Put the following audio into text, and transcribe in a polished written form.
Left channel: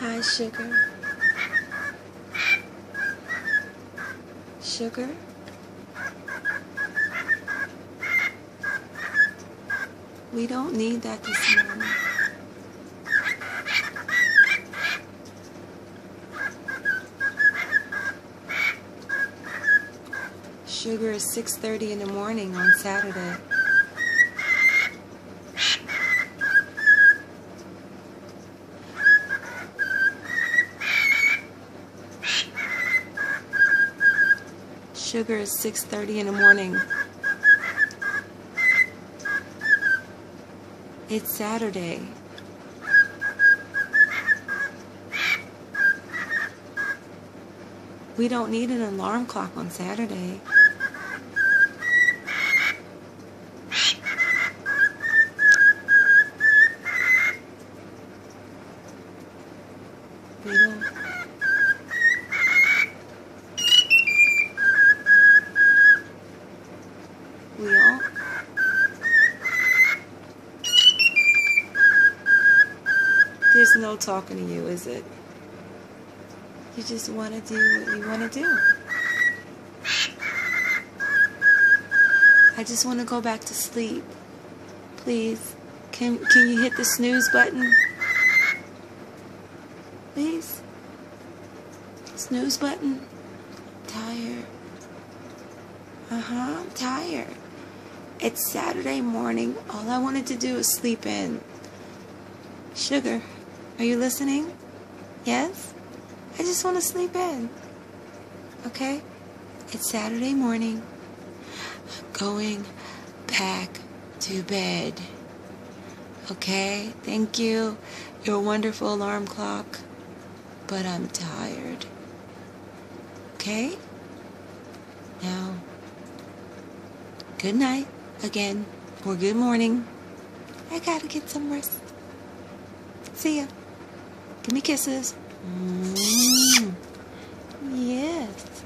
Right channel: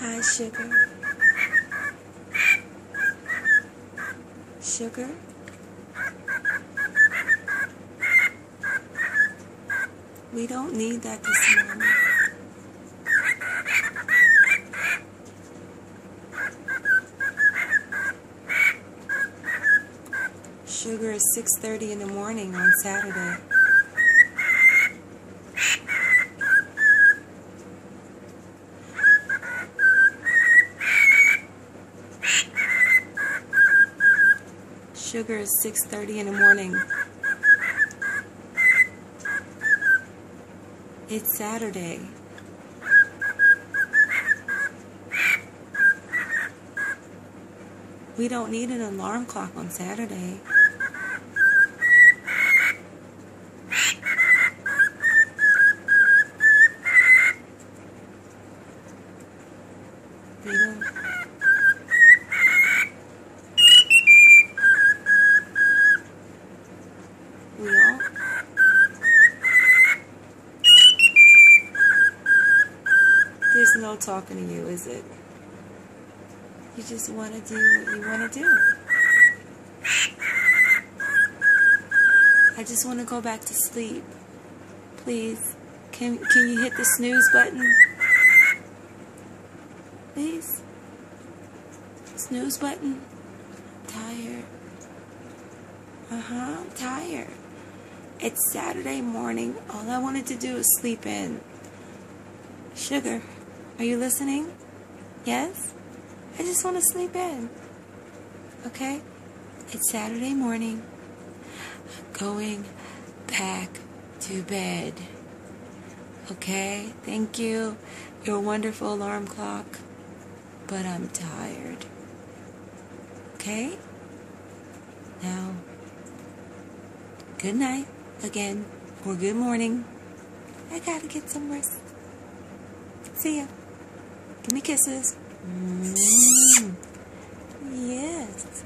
Hi, sugar. Sugar? We don't need that this morning. Sugar is 6:30 in the morning on Saturday. Sugar is 6:30 in the morning. It's Saturday. We don't need an alarm clock on Saturday. We don't. We all. There's no talking to you, is it? You just want to do what you want to do. I just want to go back to sleep. Please, can you hit the snooze button? Please? Snooze button? I'm tired. I'm tired. It's Saturday morning. All I wanted to do is sleep in. Sugar, are you listening? Yes? I just want to sleep in. Okay? It's Saturday morning. I'm going back to bed. Okay? Thank you. You're a wonderful alarm clock. But I'm tired. Okay? Now, good night again. Or good morning. I gotta get some rest. See ya. Give me kisses. Yes.